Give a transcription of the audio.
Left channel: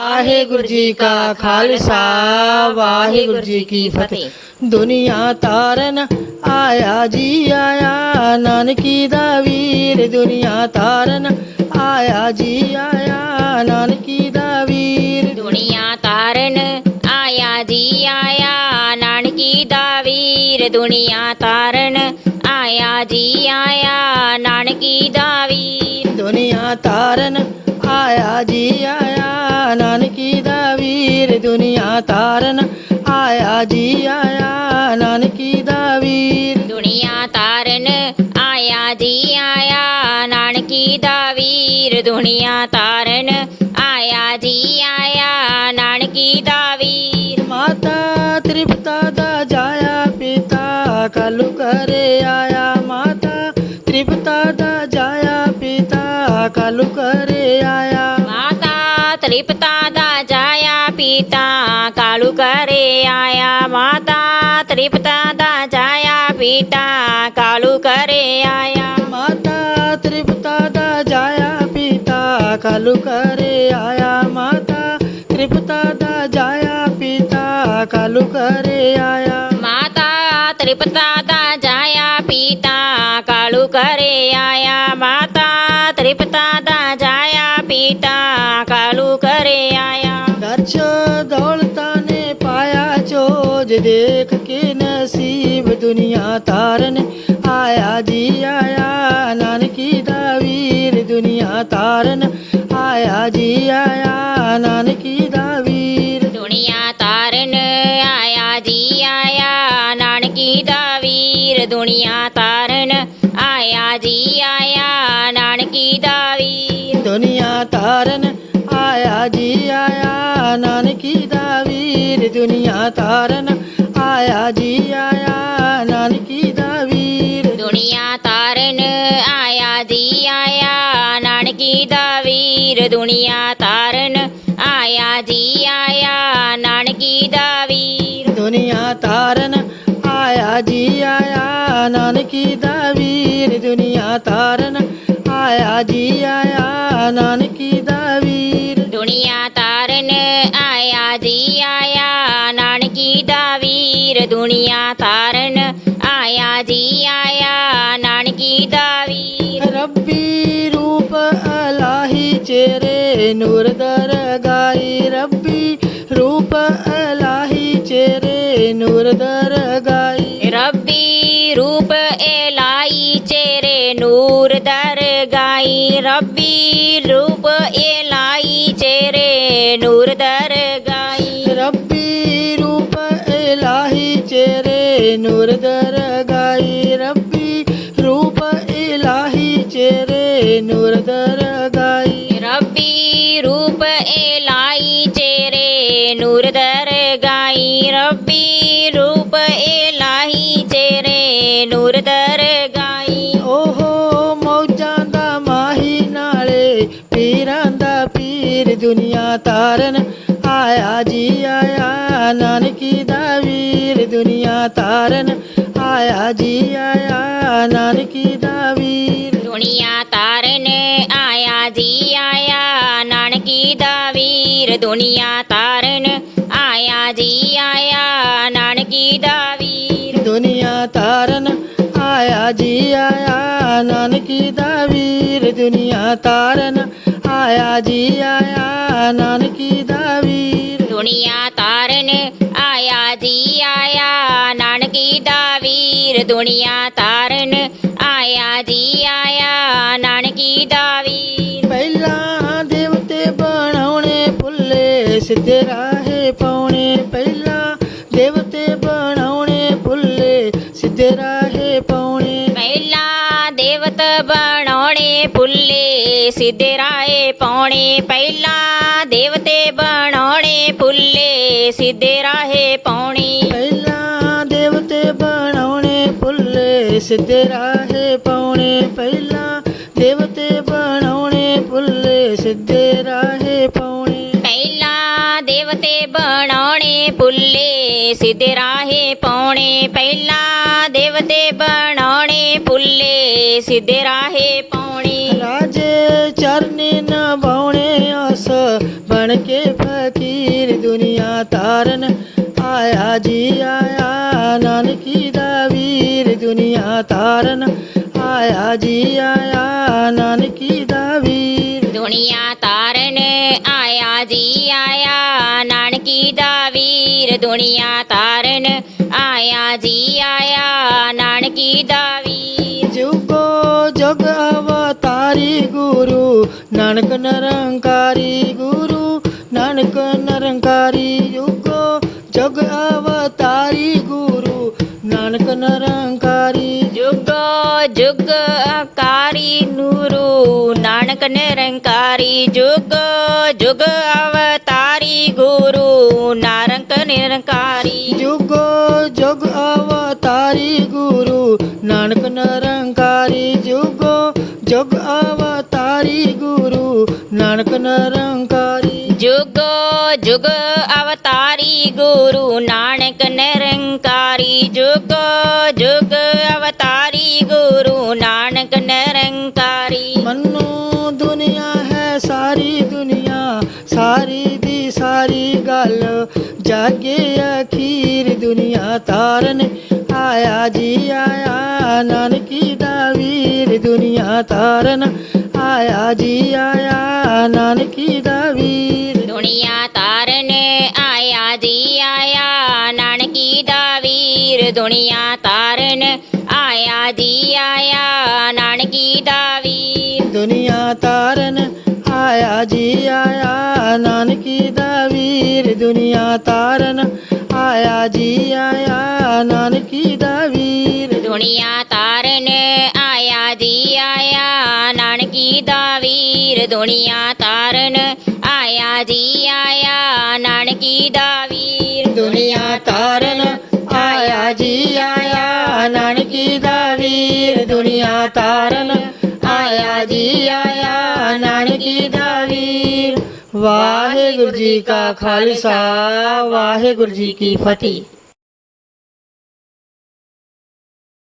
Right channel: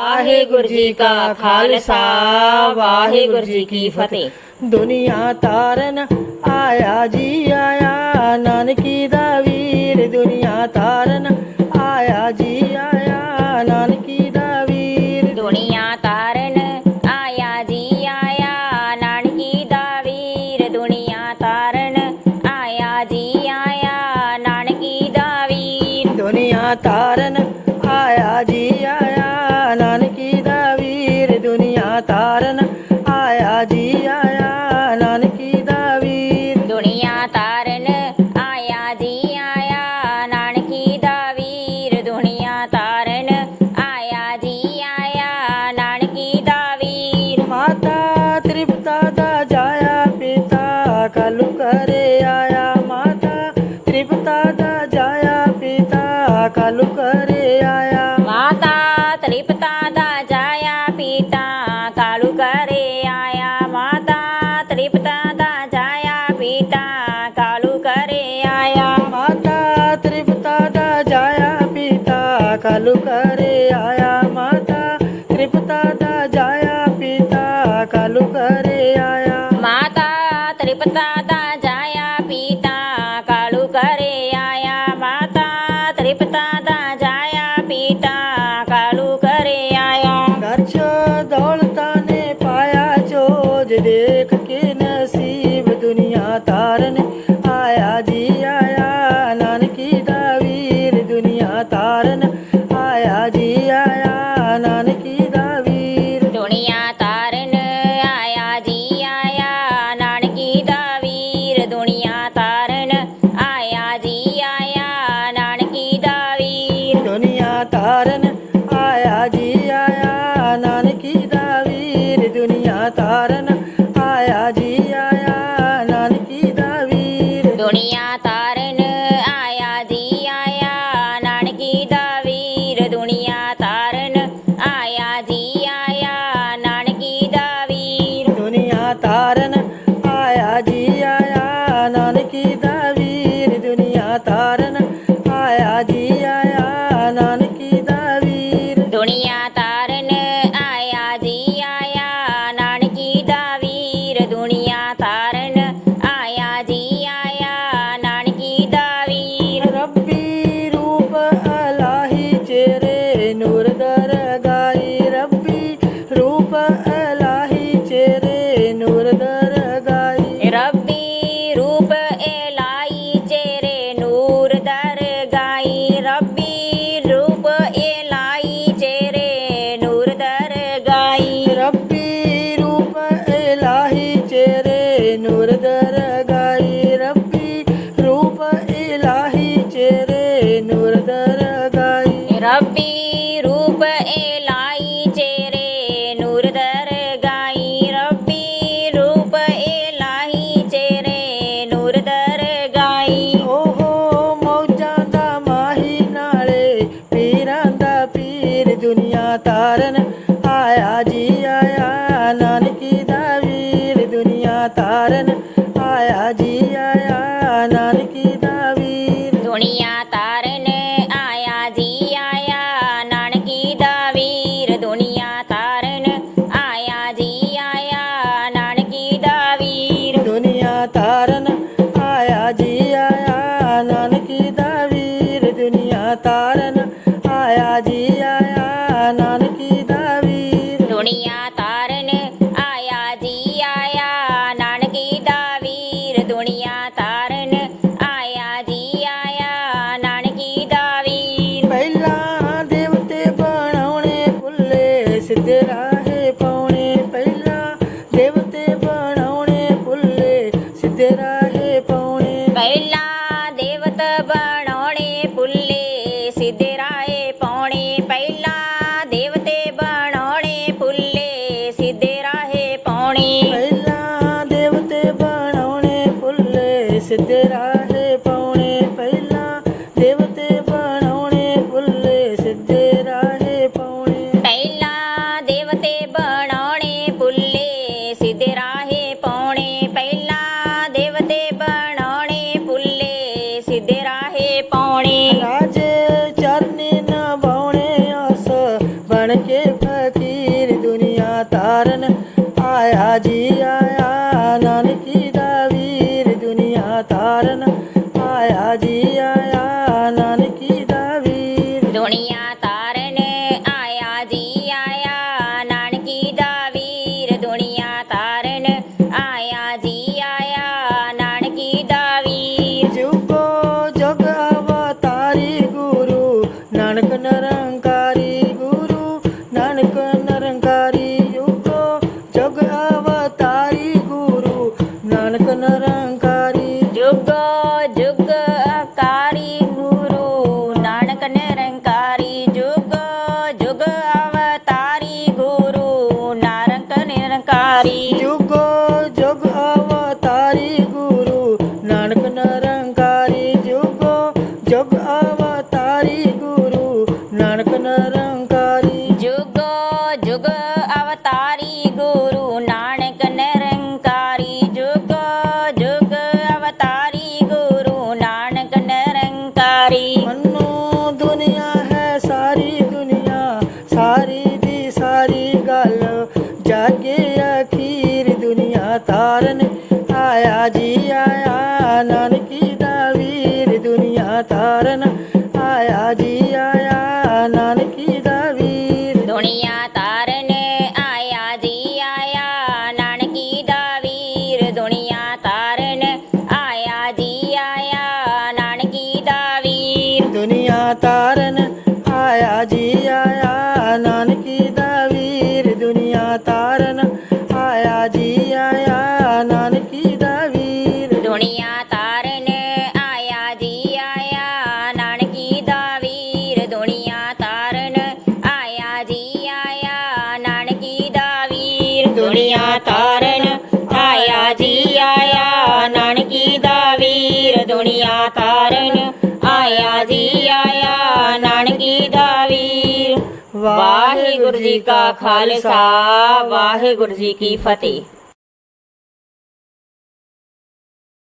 ਵਾਹਿਗੁਰੂ ਜੀ ਕਾ ਖਾਲਸਾ ਵਾਹਿਗੁਰੂ ਜੀ ਕੀ ਫਤਿਹ। ਦੁਨੀਆ ਤਾਰਨ ਆਇਆ ਜੀ ਆਇਆ, ਨਾਨਕੀ ਦਾ ਵੀਰ ਦੁਨੀਆ ਤਾਰਨ ਆਇਆ ਜੀ ਆਇਆ, ਨਾਨਕੀ ਦਾ ਵੀਰ ਦੁਨੀਆ ਤਾਰਨ ਆਇਆ ਜੀ ਆਇਆ, ਨਾਨਕੀ ਦਾ ਵੀਰ ਦੁਨੀਆ ਤਾਰਨ ਆਇਆ ਜੀ ਆਇਆ, ਨਾਨਕੀ ਦਾ ਵੀਰ ਦੁਨੀਆ ਤਾਰਨ ਆਇਆ ਜੀ ਆਇਆ, ਨਾਨਕੀ ਦਾ ਵੀਰ ਦੁਨੀਆ ਤਾਰਨ ਆਇਆ ਜੀ ਆਇਆ, ਨਾਨਕੀ ਦਾ ਵੀਰ ਦੁਨੀਆ ਤਾਰਨ ਆਇਆ ਜੀ ਆਇਆ, ਨਾਨਕੀ ਦਾ ਵੀਰ ਦੁਨੀਆ ਤਾਰਨ ਆਇਆ ਜੀ ਆਇਆ, ਨਾਨਕੀ ਦਾ ਵੀਰ ਮਾਤਾ ਤ੍ਰਿਪਤਾ ਦਾ ਜਾਇਆ ਪਿਤਾ ਕਲੂ ਕਰੇ ਆਇਆ, ਮਾਤਾ ਤ੍ਰਿਪਤਾ ਦਾ ਜਾਇਆ ਪਿਤਾ ਕਲੂ ਕਰੇ ਆਇਆ, ਮਾਤਾ ਤ੍ਰਿਪਤਾ ਦਾ ਜਾਇਆ ਪਿਤਾ ਕਾਲੂ ਕਰੇ ਆਇਆ, ਮਾਤਾ ਤ੍ਰਿਪਤਾ ਦਾ ਜਾਇਆ ਪਿਤਾ ਕਾਲੂ ਕਰੇ ਆਇਆ, ਮਾਤਾ ਤ੍ਰਿਪਤਾ ਦਾ ਜਾਇਆ ਪਿਤਾ ਕਲੂ ਕਰੇ ਆਇਆ, ਮਾਤਾ ਤ੍ਰਿਪਤਾ ਦਾ ਜਾਇਆ ਪਿਤਾ ਕਲੂ ਕਰੇ ਆਇਆ, ਮਾਤਾ ਤ੍ਰਿਪਤਾ ਦਾ ਜਾਇਆ ਪਿਤਾ ਕਾਲੂ ਕਰੇ ਆਇਆ, ਮਾਤਾ ਤ੍ਰਿਪਤਾ ਦਾ ਜਾਇਆ ਪਿਤਾ ਕਾਲੂ ਕਰੇ ਆਇਆ, ਦਰਸ਼ ਦੌਲਤਾਂ ਨੇ ਪਾਇਆ ਚੋਜ ਦੇਖ ਕੇ ਨਸੀਬ ਦੁਨੀਆ ਤਾਰਨ ਆਇਆ ਜੀ ਆਇਆ, ਨਾਨਕੀ ਦਾ ਵੀਰ ਦੁਨੀਆ ਤਾਰਨ ਆਇਆ ਜੀ ਆਇਆ, ਨਾਨਕੀ ਦਾ ਵੀਰ ਦੁਨੀਆ ਤਾਰਨ ਆਇਆ ਜੀ ਆਇਆ, ਨਾਨਕੀ ਦਾ ਵੀਰ ਦੁਨੀਆ ਤਾਰਨ ਆਇਆ ਜੀ ਆਇਆ, ਨਾਨਕੀ ਦਾ ਵੀਰ ਦੁਨੀਆ ਤਾਰਨ ਆਇਆ ਜੀ ਆਇਆ, ਨਾਨਕੀ ਦਾ ਵੀਰ ਦੁਨੀਆ ਤਾਰਨ ਆਇਆ ਜੀ ਆਇਆ, ਨਾਨਕੀ ਦਾ ਵੀਰ ਦੁਨੀਆ ਤਾਰਨ ਆਇਆ ਜੀ ਆਇਆ, ਨਾਨਕੀ ਦਾ ਵੀਰ ਦੁਨੀਆ ਤਾਰਨ ਆਇਆ ਜੀ ਆਇਆ, ਨਾਨਕੀ ਦਾ ਵੀਰ ਦੁਨੀਆ ਤਾਰਨ ਆਇਆ ਜੀ ਆਇਆ, ਨਾਨਕੀ ਦਾ ਵੀਰ ਦੁਨੀਆ ਤਾਰਨ ਆਇਆ ਜੀ ਆਇਆ, ਨਾਨਕੀ ਦਾ ਵੀਰ ਦੁਨੀਆ ਤਾਰਨ ਆਇਆ ਜੀ ਆਇਆ, ਨਾਨਕੀ ਦਾ ਵੀਰ ਦੁਨੀਆ ਤਾਰਨ ਆਇਆ ਜੀ ਆਇਆ, ਨਾਨਕੀ ਦਾ ਵੀਰ ਰੱਬੀ ਰੂਪ ਅਲਾਹੀ ਚਿਹਰੇ ਨੂਰ ਦਰਗਾਹੀ, ਰੱਬੀ ਰੂਪ ਅਲਾਹੀ ਚਿਹਰੇ ਨੂਰ ਦਰਗਾਹੀ, ਰੱਬੀ ਰੂਪ ਇਲਾਹੀ ਚਿਹਰੇ ਨੂਰ ਦਰਗਾਹੀ, ਰੱਬੀ ਰੂਪ ਇਲਾਹੀ ਚਿਹਰੇ ਨੂਰ ਦਰਗਾਹੀ, ਰੱਬੀ ਰੂਪ ਇਲਾਹੀ ਚਿਹਰੇ ਨੂਰ ਦਰਗਾਹੀ, ਰੱਬੀ ਰੂਪ ਇਲਾਹੀ ਚਿਹਰੇ ਨੂਰ ਦਰਗਾਹੀ, ਰੱਬੀ ਰੂਪ ਇਲਾਹੀ ਚਿਹਰੇ ਨੂਰ ਦਰਗਾਹੀ, ਰੱਬੀ ਰੂਪ ਇਲਾਹੀ ਚਿਹਰੇ ਨੂਰ ਦਰਗਾਹੀ, ਓਹੋ ਮੌਜਾਂ ਦਾ ਮਾਹੀ ਨਾਲੇ ਪੀਰਾਂ ਦਾ ਪੀਰ ਦੁਨੀਆ ਤਾਰਨ ਆਇਆ ਜੀ ਆਇਆ, ਨਾਨਕੀ ਦਾ ਵੀਰ ਦੁਨੀਆ ਤਾਰਨ ਆਇਆ ਜੀ ਆਇਆ, ਨਾਨਕੀ ਦਾ ਵੀਰ ਦੁਨੀਆ ਤਾਰਨ ਆਇਆ ਜੀ ਆਇਆ, ਨਾਨਕੀ ਦਾ ਵੀਰ ਦੁਨੀਆ ਤਾਰਨ ਆਇਆ ਜੀ ਆਇਆ, ਨਾਨਕੀ ਦਾ ਵੀਰ ਦੁਨੀਆ ਤਾਰਨ ਆਇਆ ਜੀ ਆਇਆ, ਨਾਨਕੀ ਦਾ ਵੀਰ ਦੁਨੀਆ ਤਾਰਨ ਆਇਆ ਜੀ ਆਇਆ, ਨਾਨਕੀ ਦਾ ਵੀਰ ਦੁਨੀਆ ਤਾਰਨ ਆਇਆ ਜੀ ਆਇਆ, ਨਾਨਕੀ ਦਾ ਵੀਰ ਦੁਨੀਆ ਤਾਰਨ ਆਇਆ ਜੀ ਆਇਆ, ਨਾਨਕੀ ਦਾ ਵੀਰ ਪਹਿਲਾਂ ਦੇਵਤੇ ਬਣਾਉਣੇ ਭੁੱਲੇ ਸਿੱਧੇ ਰਾਹੇ ਪਾਉਣੇ, ਪਹਿਲਾਂ ਦੇਵਤੇ ਬਣਾਉਣੇ ਭੁੱਲੇ ਸਿੱਧੇ ਰਾਹੇ ਪਾਉਣੇ, ਪਹਿਲਾਂ ਦੇਵਤ ਬਣਾਉਣੇ ਭੁੱਲੇ ਸਿੱਧੇ ਰਾਹੇ ਪਾਉਣੇ, ਪਹਿਲਾਂ ਦੇਵਤੇ ਬਣਾਉਣੇ ਭੁੱਲੇ ਸਿੱਧੇ ਰਾਹੇ ਪਾਉਣੇ, ਪਹਿਲਾਂ ਦੇਵਤੇ ਬਣਾਉਣੇ ਭੁੱਲੇ ਸਿੱਧੇ ਰਾਹੇ ਪਾਉਣੇ, ਪਹਿਲਾਂ ਦੇਵਤੇ ਬਣਾਉਣੇ ਭੁੱਲੇ ਸਿੱਧੇ ਰਾਹੇ ਪਾਉਣੇ, ਪਹਿਲਾਂ ਦੇਵਤੇ ਬਣਾਉਣੇ ਭੁੱਲੇ ਸਿੱਧੇ ਰਾਹੇ ਪਾਉਣੇ, ਪਹਿਲਾਂ ਦੇਵਤੇ ਬਣਾਉਣੇ ਭੁੱਲੇ ਸਿੱਧੇ ਰਾਹੇ ਪਾਉਣੇ, ਰਾਜੇ ਚਰਨੀ ਨਿਭਾਉਣੇ ਆਸ ਬਣ ਕੇ ਫਕੀਰ ਦੁਨੀਆ ਤਾਰਨ ਆਇਆ ਜੀ ਆਇਆ ਨਾਨਕੀ ਦਾ ਵੀਰ ਦੁਨੀਆ ਤਾਰਨ ਆਇਆ ਜੀ ਆਇਆ ਨਾਨਕੀ ਦਾ ਵੀਰ ਦੁਨੀਆ ਤਾਰਨ ਆਇਆ ਜੀ ਆਇਆ ਨਾਨਕੀ ਦਾ ਵੀਰ ਦੁਨੀਆ ਤਾਰਨ ਆਇਆ ਜੀ ਆਇਆ ਨਾਨਕੀ ਦਾ ਵੀਰ ਜੁਗੋ ਜਗ ਅਵਤਾਰੀ ਗੁਰੂ ਨਾਨਕ ਨਿਰੰਕਾਰੀ ਗੁਰੂ ਨਾਨਕ ਨਿਰੰਕਾਰੀ ਜੁਗੋ ਜਗ ਅਵਤਾਰੀ ਗੁਰੂ ਨਾਨਕ ਨਿਰੰਕਾਰੀ ਜੁਗੋ ਜੁਗ ਅਕਾਰੀ ਨੂਰੂ ਨਾਨਕ ਨਿਰੰਕਾਰੀ ਜੁਗੋ ਜੁਗ ਅਵਤਾਰੀ ਗੁਰੂ ਨਾਨਕ ਨਿਰੰਕਾਰੀ ਜੁਗੋ ਜਗ ਅਵਤਾਰੀ ਗੁਰੂ ਨਾਨਕ ਨਿਰੰਕਾਰੀ ਜੁਗੋ ਜਗ ਅਵਤਾਰੀ ਗੁਰੂ ਨਾਨਕ ਨਿਰੰਕਾਰੀ ਜੁਗੋ ਜੁਗ ਅਵਤਾਰੀ ਗੁਰੂ ਨਾਨਕ ਨਿਰੰਕਾਰੀ ਜੁਗੋ ਜੁਗ ਅਵਤਾਰੀ ਗੁਰੂ ਨਾਨਕ ਨਿਰੰਕਾਰੀ ਮੰਨੋ ਦੁਨੀਆ ਹੈ ਸਾਰੀ ਦੁਨੀਆ ਸਾਰੀ ਦੀ ਸਾਰੀ ਗੱਲ ਜਾਗੇ ਅਖੀਰ ਦੁਨੀਆ ਤਾਰਨ ਆਇਆ ਜੀ ਆਇਆ ਨਾਨਕੀ ਦਾ ਵੀਰ ਦੁਨੀਆ ਤਾਰਨ ਆਇਆ ਜੀ ਆਇਆ ਨਾਨਕੀ ਦਾ ਵੀਰ ਦੁਨੀਆ ਤਾਰਨ ਆਇਆ ਜੀ ਆਇਆ ਨਾਨਕੀ ਦਾ ਵੀਰ ਦੁਨੀਆ ਤਾਰਨ ਆਇਆ ਜੀ ਆਇਆ ਨਾਨਕੀ ਦਾ ਵੀਰ ਦੁਨੀਆ ਤਾਰਨ ਆਇਆ ਜੀ ਆਇਆ ਨਾਨਕੀ ਦਾ ਵੀਰ ਦੁਨੀਆ ਤਾਰਨ ਆਇਆ ਜੀ ਆਇਆ ਨਾਨਕੀ ਦਾ ਵੀਰ ਦੁਨੀਆ ਤਾਰਨ ਆਇਆ ਜੀ ਆਇਆ ਨਾਨਕੀ ਦਾ ਵੀਰ ਦੁਨੀਆ ਤਾਰਨ ਆਇਆ ਜੀ ਆਇਆ ਨਾਨਕੀ ਦਾ ਵੀਰ ਦੁਨੀਆ ਤਾਰਨ ਆਇਆ ਜੀ ਆਇਆ ਨਾਨਕੀ ਦਾ ਵੀਰ ਦੁਨੀਆ ਤਾਰਨ ਆਇਆ ਜੀ ਆਇਆ ਨਾਨਕੀ ਦਾ ਵੀਰ ਵਾਹਿਗੁਰੂ ਜੀ ਕਾ ਖਾਲਸਾ ਵਾਹਿਗੁਰੂ ਜੀ ਕੀ ਫਤਿਹ।